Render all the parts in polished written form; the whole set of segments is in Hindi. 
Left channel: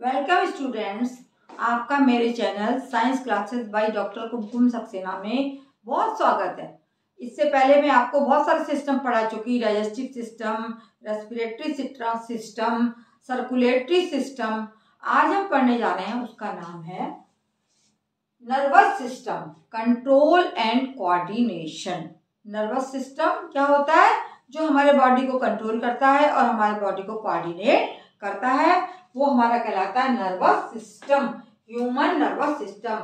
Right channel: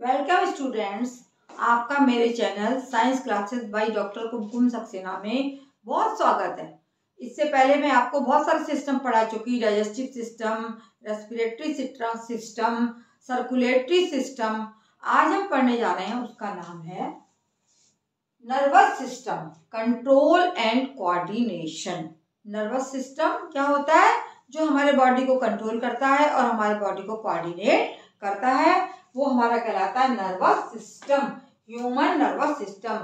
वेलकम स्टूडेंट्स, आपका मेरे channel science classes by doctor Kumkum Saxena में बहुत स्वागत है। इससे पहले मैं आपको बहुत सारे सिस्टम पढ़ा चुकी, digestive system, respiratory system, circulatory system. आज हम पढ़ने जा रहे हैं, उसका नाम है nervous system, control and coordination. Nervous system क्या होता है? जो हमारे बॉडी को कंट्रोल करता है और हमारे बॉडी को कोऑर्डिनेट करता है, वो हमारा कहलाता है nervous system, human nervous system.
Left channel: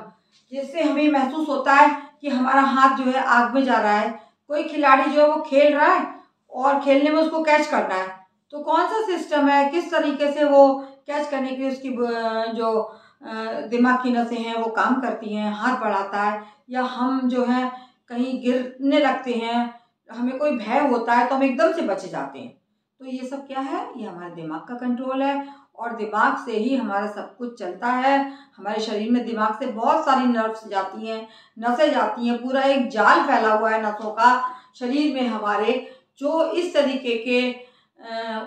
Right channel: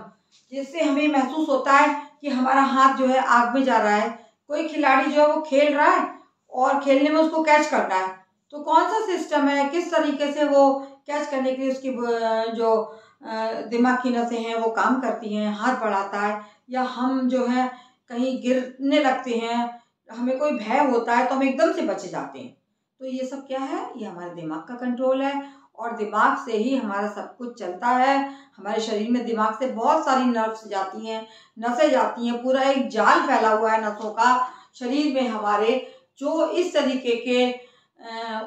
जिससे हमें महसूस होता है कि हमारा हाथ जो है आग में जा रहा है। कोई खिलाड़ी जो है वो खेल रहा है और खेलने में उसको कैच करना है, तो कौन सा सिस्टम है, किस तरीके से वो कैच करने के लिए उसकी जो दिमाग की नसें हैं वो काम करती हैं, हाथ बढ़ाता है, या हम जो है कहीं गिरने लगते हैं, हमें कोई भय होता है तो हम एकदम से बच जाते हैं। तो ये सब क्या है? ये हमारे दिमाग का कंट्रोल है और दिमाग से ही हमारा सब कुछ चलता है। हमारे शरीर में दिमाग से बहुत सारी नर्व्स जाती हैं, नसें जाती हैं, पूरा एक जाल फैला हुआ है नसों का शरीर में हमारे, जो इस तरीके के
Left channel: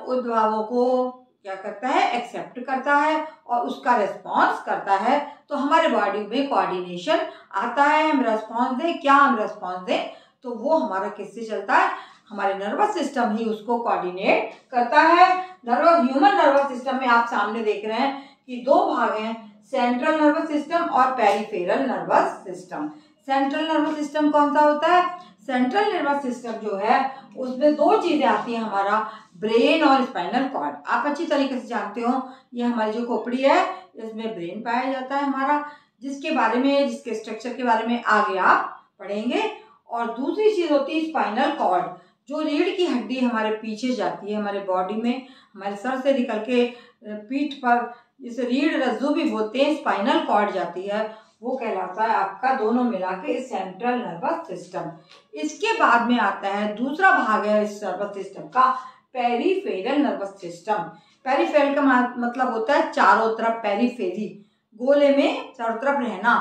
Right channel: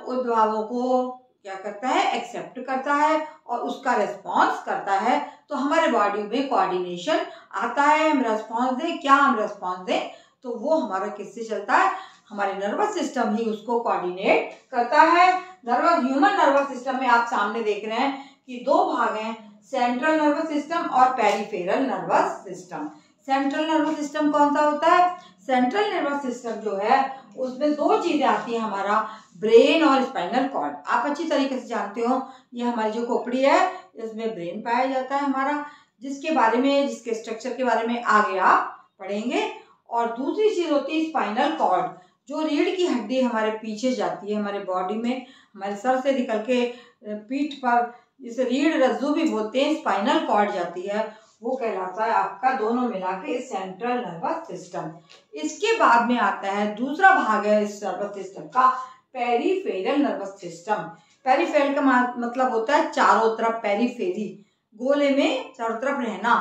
उद्भावों को क्या करता है? एक्सेप्ट करता है और उसका रिस्पॉन्स करता है। तो हमारे बॉडी में कोऑर्डिनेशन आता है, हम रिस्पॉन्स दें, क्या हम रिस्पॉन्स दें, तो वो हमारा किससे चलता है? हमारे नर्वस सिस्टम ही उसको कोऑर्डिनेट करता है। ह्यूमन नर्वस सिस्टम में आप सामने देख रहे हैं कि दो भाग हैं, सेंट्रल नर्वस सिस्टम और peripheral nervous system. Central nervous system कौन सा होता है? सेंट्रल नर्वस सिस्टम जो है उसमें दो चीजें आती हैं, हमारा ब्रेन और स्पाइनल कॉर्ड। आप अच्छी तरीके से जानते हो, ये हमारी जो खोपड़ी है इसमें ब्रेन पाया जाता है हमारा, जिसके स्ट्रक्चर के बारे में आगे आप पढ़ेंगे। और दूसरी चीज होती है स्पाइनल कॉर्ड, जो रीढ़ की हड्डी हमारे पीछे जाती है हमारे बॉडी में, हमारे सर से निकल के पीठ पर, जिसे रीढ़ रज्जु भी बोलते हैं, स्पाइनल कॉर्ड जाती है, वो कहलाता है आपका दोनों मिला के सेंट्रल नर्वस सिस्टम। इसके बाद में आता है दूसरा भाग है इस नर्वस सिस्टम का, पेरिफेरल नर्वस सिस्टम। पेरिफेरल का मतलब होता है चारों तरफ, पेरीफेरी, गोले में चारों तरफ रहना।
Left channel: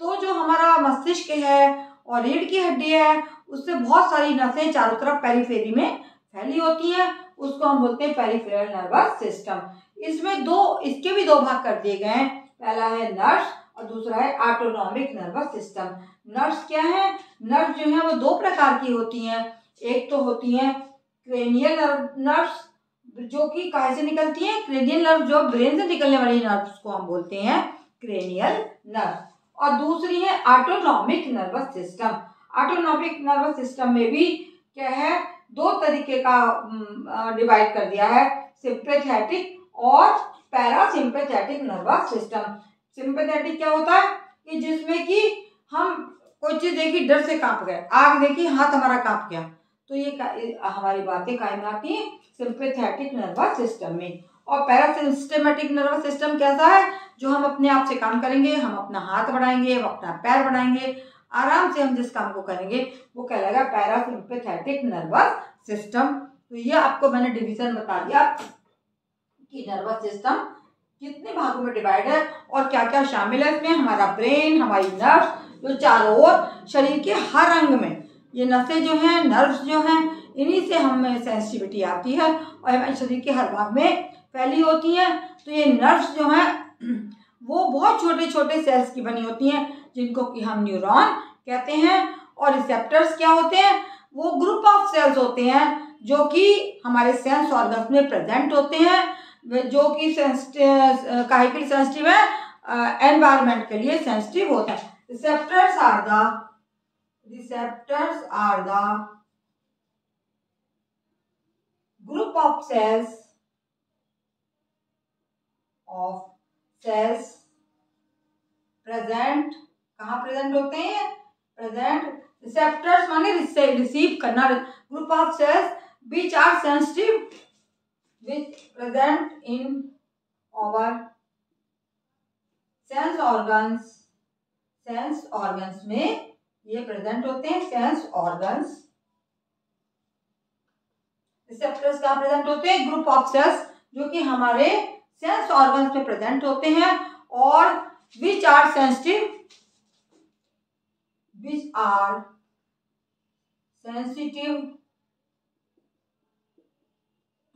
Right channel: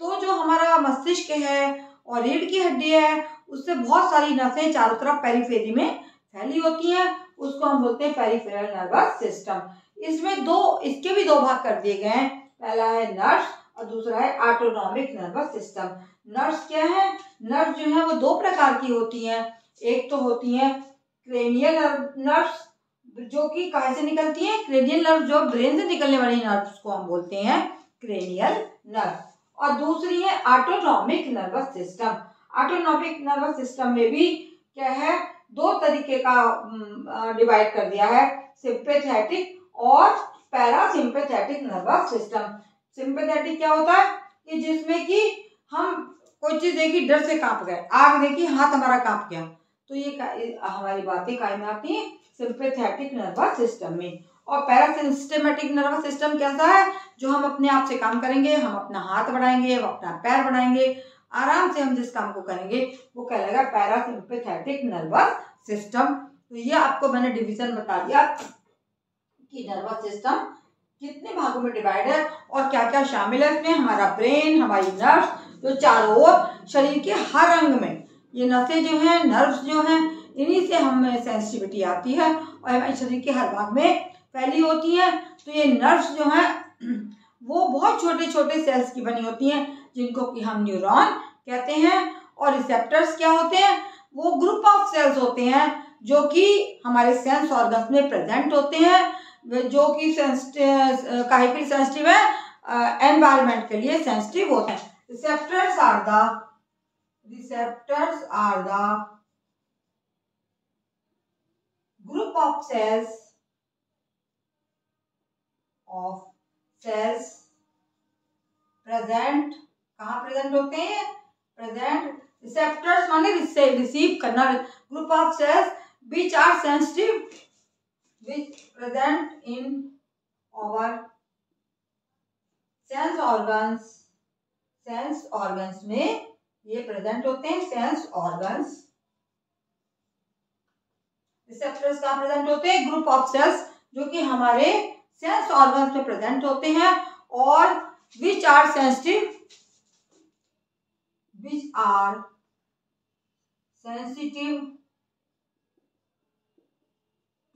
तो जो हमारा मस्तिष्क है और रीढ़ की हड्डी है, उससे बहुत सारी नसें चारों तरफ पेरीफेरी में फैली होती हैं, उसको हम बोलते हैं पेरिफेरल नर्वस सिस्टम। इसके भी दो भाग कर दिए गए हैं, पहला है नर्व्स और दूसरा है ऑटोनॉमिक नर्वस सिस्टम। नर्व्स क्या है? नर्व्स जो है वो दो प्रकार की होती हैं। एक तो होती है क्रेनियल नर्व्स, जो कि कहाँ से निकलती है? क्रेनियल नर्व, जो ब्रेन से निकलने वाली नर्व्स को हम बोलते हैं क्रेनियल नर्व। और दूसरी है autonomic nervous system. Autonomic nervous system में भी क्या है? दो तरीके का डिवाइड कर दिया है, सिंपैथेटिक और पैरासिम्पैथेटिक नर्वस सिस्टम। सिंपैथेटिक क्या होता है? कि जिसमें कि हम कोई चीज देखी, डर से कांप गए, आग देखी, हाथ हमारा कांप गया, तो ये हमारी बातें कायम आती हैं सिंपैथेटिक नर्वस सिस्टम में। और पैरासिम्पैथेटिक नर्वस सिस्टम कैसा है? जो हम अपने आप से काम करेंगे, हम अपना हाथ बढ़ाएंगे, हम अपना पैर बढ़ाएंगे, आराम से हम जिस काम को करेंगे वो कहलाएगा पैरासिम्पैथेटिक नर्वस सिस्टम। तो ये आपको मैंने डिवीजन बता दिया कि नर्वस सिस्टम कितने भागों में डिवाइड है और क्या क्या शामिल है इसमें। हमारा ब्रेन, हमारी नर्व्स, जो चारों ओर शरीर के हर अंग में ये नसें जो हैं, नर्व्स जो हैं, इन्हीं से हमें सेंसिटिविटी आती है और हमारे शरीर के हर भाग में फैली होती हैं। तो ये नर्व्स जो हैं वो बहुत छोटे छोटे सेल्स की बनी होती हैं, जिनको कि हम न्यूरॉन कहते हैं। और रिसेप्टर्स क्या होते हैं? वो ग्रुप ऑफ सेल्स होते हैं जो कि हमारे सेंस ऑर्गन्स में प्रेजेंट होते हैं, जो कि काहे के लिए सेंसिटिव है? एनवायरनमेंट के लिए सेंसिटिव होते हैं। Receptors are the group of cells present, कहाँ प्रेजेंट होते हैं? प्रेजेंट। रिसेप्टर्स माने रिसीव करना, group of cells which are sensitive, which present in our sense organs में ये प्रेजेंट होते हैं, सेंस ऑर्गन्स। रिसेप्टर्स कहाँ प्रेजेंट होते हैं? ग्रुप ऑफ सेल्स जो कि हमारे सेंस ऑर्गन्स में प्रेजेंट होते हैं और which are sensitive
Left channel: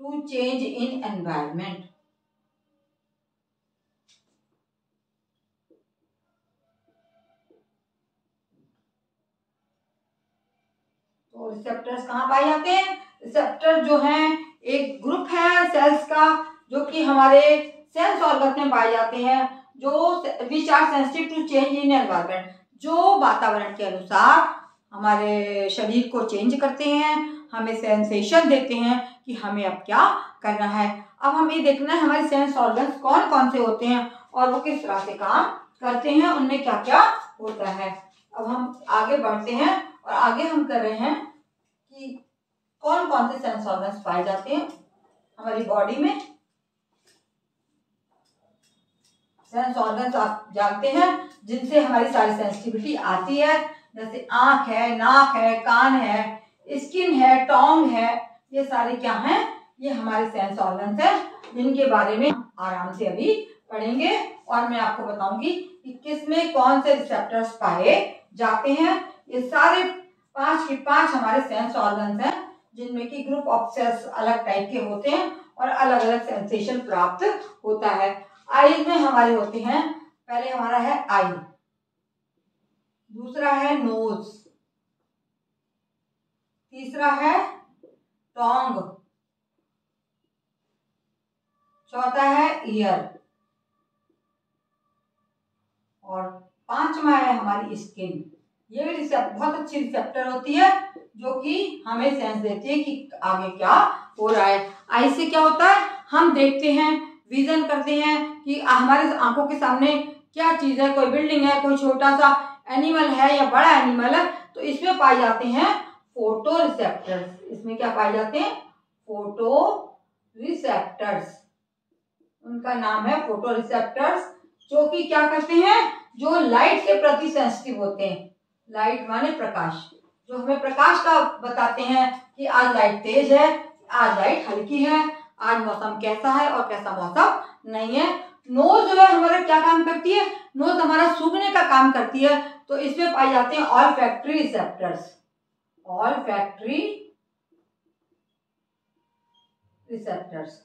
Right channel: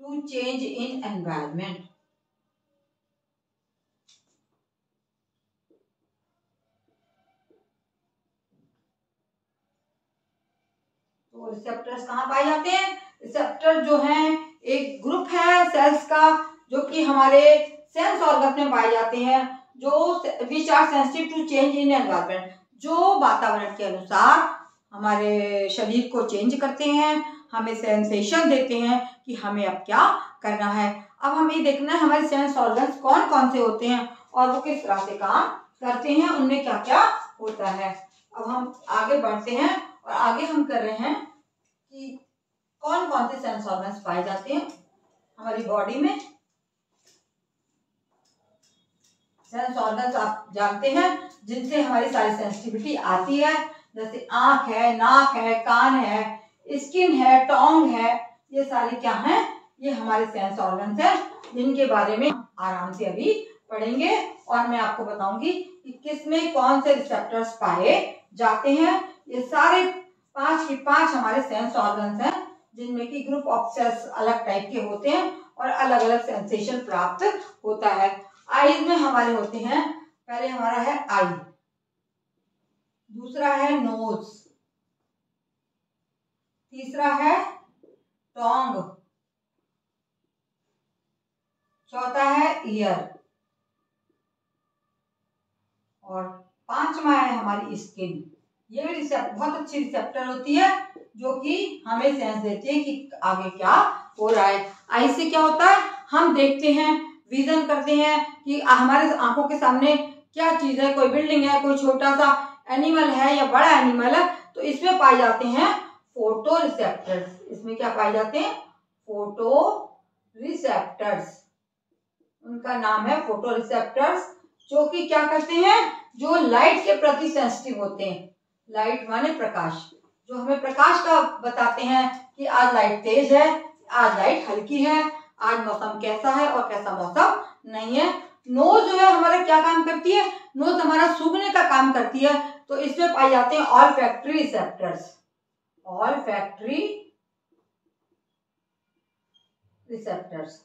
to change in environment. Receptors कहाँ पाए जाते हैं? रिसेप्टर जो हैं एक ग्रुप है सेल्स का जो कि हमारे सेंस ऑर्गन में पाए जाते हैं, जो which are sensitive to change in environment, जो वातावरण के अनुसार हमारे शरीर को चेंज करते हैं, हमें सेंसेशन देते हैं कि हमें अब क्या करना है। अब हमें देखना है हमारे सेंस ऑर्गन्स कौन कौन से होते हैं और वो किस तरह से काम करते हैं, उनमें क्या क्या होता है। अब हम आगे बढ़ते हैं और आगे हम कर रहे हैं कि कौन कौन से सेंस ऑर्गन्स पाए जाते हैं हमारी बॉडी में। सेंस ऑर्गन्स आप जानते हैं जिनसे हमारी सारी सेंसिटिविटी आती है, जैसे आंख है, नाक है, कान है, स्किन है, टोंग है, ये सारे क्या हैं? ये हमारे सेंस ऑर्गन्स हैं जिनके बारे में आराम से अभी पढ़ेंगे और मैं आपको बताऊंगी कि किसमें कौन से रिसेप्टर्स पाए जाते हैं। ये सारे 5 के 5 हमारे सेंस ऑर्गन्स हैं जिनमें कि ग्रुप ऑफ सेल्स अलग टाइप के होते हैं और अलग अलग सेंसेशन प्राप्त होता है। आईज में हमारे होते हैं, पहले हमारा है आई, दूसरा है नोज, तीसरा है टोंग, चौथा है ईयर और 5वां है हमारी स्किन। ये भी बहुत अच्छी रिसेप्टर होती है जो कि हमें सेंस देती है कि आगे क्या हो रहा है। आई से क्या होता है? हम देखते हैं, विजन करते हैं कि हमारे आंखों के सामने क्या चीज है, कोई बिल्डिंग है, कोई छोटा सा एनिमल है या बड़ा एनिमल है, तो इसमें पाए जाते हैं फोटो रिसेप्टर्स। इसमें क्या पाए जाते हैं? Photo receptors. उनका नाम है फोटो रिसेप्टर्स, जो कि क्या करते हैं? जो लाइट के प्रति सेंसिटिव होते हैं। लाइट माने प्रकाश, जो हमें प्रकाश का बताते हैं कि आज लाइट तेज है, आज लाइट हल्की है, आज मौसम कैसा है और कैसा मौसम नहीं है। नोज जो है हमारा क्या काम करती है? नोज हमारा सूंघने का काम करती है, तो इसमें पाए जाते हैं ऑलफैक्टरी रिसेप्टर्स। ऑलफैक्टरी रिसेप्टर्स,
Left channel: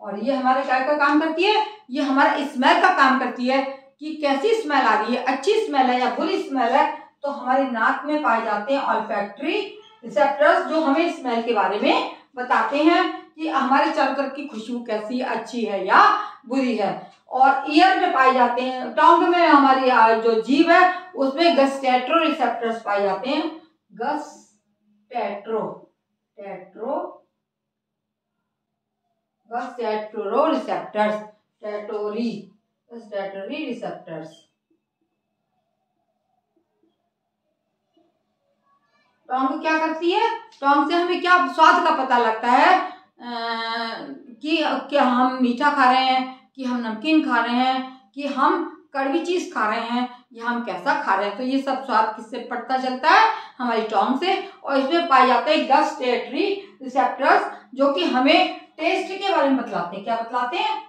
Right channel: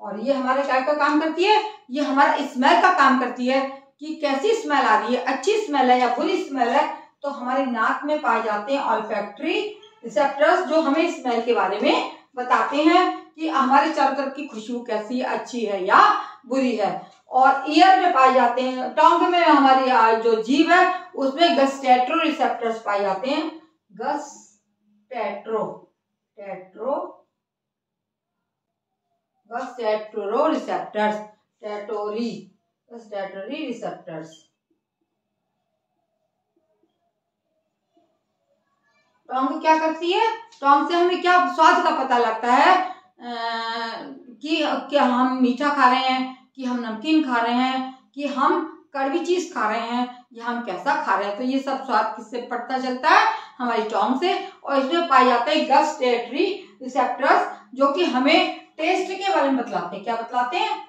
और ये हमारे क्या का काम करती है? ये हमारा स्मेल का काम करती है कि कैसी स्मेल आ रही है, अच्छी स्मेल है या बुरी स्मेल है, तो हमारी नाक में पाए जाते हैं ऑलफैक्टरी रिसेप्टर्स जो हमें स्मेल के बारे में बताते हैं कि हमारे चारों तरफ की खुशबू कैसी है, अच्छी है या बुरी है। और ईयर में पाए जाते हैं, टोंग में हमारी जो जीभ है उसमें गस्टैट्रो रिसेप्टर्स पाए जाते हैं। गस्टैट्रो रिसेप्टर्स, गस्टैटरी रिसेप्टर्स। टोंग क्या करती है? टोंग से हमें क्या स्वाद का पता लगता है कि क्या हम मीठा खा रहे हैं, कि हम नमकीन खा रहे हैं, कि हम कड़वी चीज खा रहे हैं, या हम कैसा खा रहे हैं। तो ये सब स्वाद किससे पता चलता है? हमारी टोंग से। और इसमें पाए जाते हैं गस्टैटरी रिसेप्टर्स जो कि हमें टेस्ट के बारे में बतलाते हैं। क्या बतलाते हैं?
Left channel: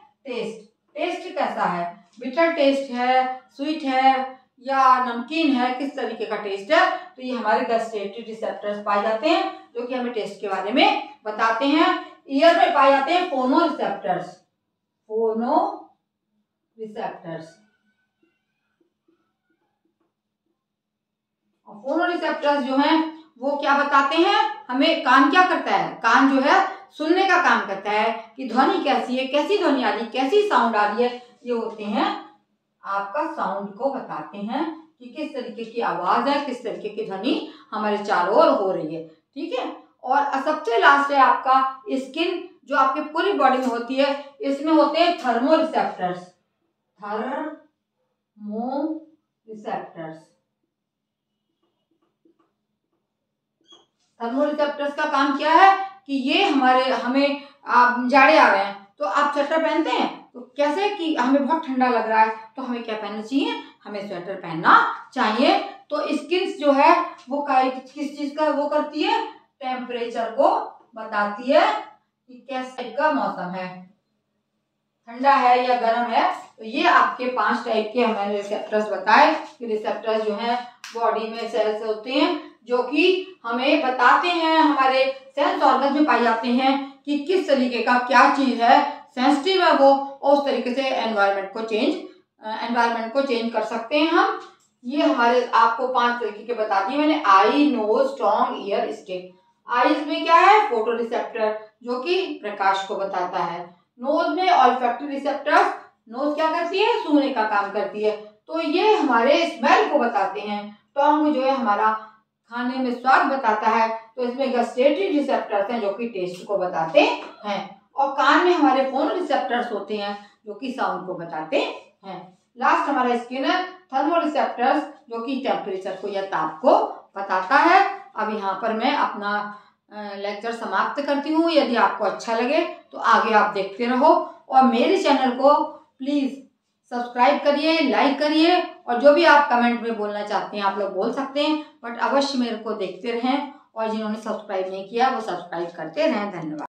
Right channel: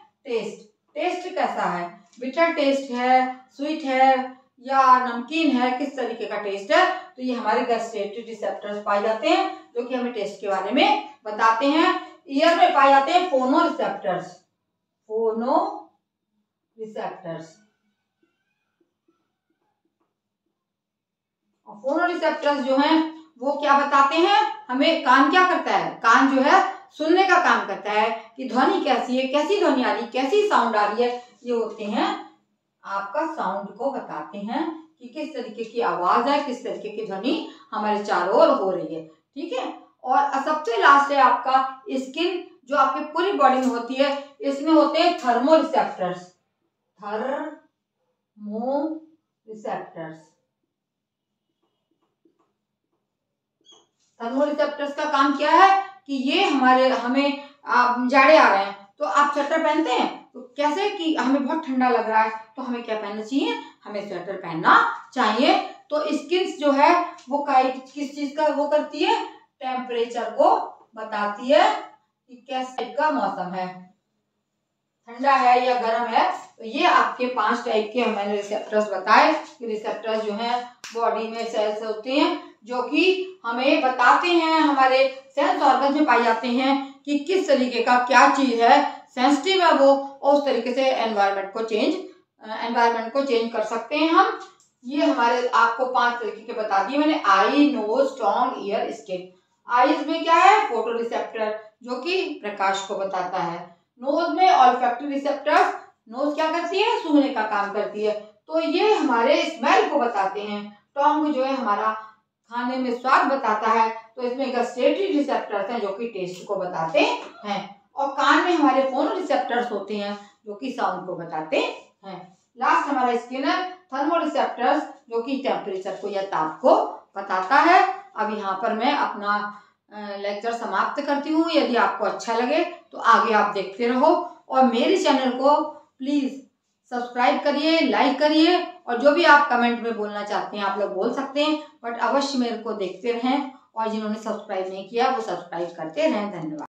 टेस्ट कैसा है, बिटर टेस्ट है, स्वीट है या नमकीन है, किस तरीके का टेस्ट है। तो ये हमारे गस्टैटरी रिसेप्टर्स पाए जाते हैं जो कि हमें टेस्ट के बारे में बताते हैं। ईयर में पाए जाते हैं फोनो रिसेप्टर्स। और फोनो रिसेप्टर्स जो हैं वो क्या बताते हैं हमें? कान क्या करता है? कान जो है सुनने का काम करता है कि ध्वनि कैसी है, कैसी ध्वनि आ रही है, कैसी साउंड आ रही है। ये होते हैं आपका साउंड को बताते हैं कि किस तरीके की आवाज है, किस तरीके की ध्वनि हमारे चारों ओर हो रही है। ठीक है। और सबसे लास्ट है आपका स्किन, जो आपकी पूरी बॉडी में होती है। इसमें होते हैं थर्मो रिसेप्टर्स। थर्मो रिसेप्टर्स का काम क्या है कि ये हमें जाड़े आ रहे हैं तो आप स्वेटर पहनते हैं, तो कैसे कि हमें बहुत ठंडा लग रहा है तो हमें क्या पहनना चाहिए? हमें स्वेटर पहनना चाहिए। तो स्किन जो है वो किस चीज का वो करती है? टेम्परेचर को बताती है कि किस टाइप का मौसम है, ठंडा है या गर्म है। तो ये आपके 5 टाइप के मैंने रिसेप्टर्स बताए कि रिसेप्टर्स जो हैं बॉडी में सेल्स होते हैं जो कि हमें बताते हैं, हमारे सेंस ऑर्गन में पाए जाते हैं कि किस तरीके का क्या चीज है, सेंसिटिव है वो, और उस तरीके से एनवायरनमेंट को चेंज कर सकते हैं हम। ये हमारे आपको 5 तरीके के बता दिए मैंने, आई, knows, Tong, year, skin. Eyes में क्या है, फोटो रिसेप्टर जो कि प्रकाश को बताता है। नोज में ऑल्फैक्टरी रिसेप्टर्स, नोज क्या करती है, सूंघने का काम करती है, तो ये हमारे स्मेल को बताते हैं। टोंग जो है हमारा खाने में स्वाद बताता है, तो इसमें गस्टेटरी रिसेप्टर्स हैं जो कि टेस्ट को बताते हैं। और कान में हमारे फोनो रिसेप्टर्स होते हैं जो कि साउंड को बताते हैं। लास्ट हमारा स्किन है, थर्मो रिसेप्टर्स जो कि टेम्परेचर को या ताप को बताता है। अब यहाँ पर मैं अपना लेक्चर समाप्त करती हूँ। यदि आपको अच्छा लगे तो आगे आप देखते रहो और मेरे चैनल को प्लीज सब्सक्राइब करिए, लाइक करिए, और जो भी आप कमेंट में बोलना चाहते हैं आप लोग बोल सकते हैं, बट अवश्य मेरे को देखते रहें, और जिन्होंने सब्सक्राइब नहीं किया वो सब्सक्राइब करते रहें। धन्यवाद।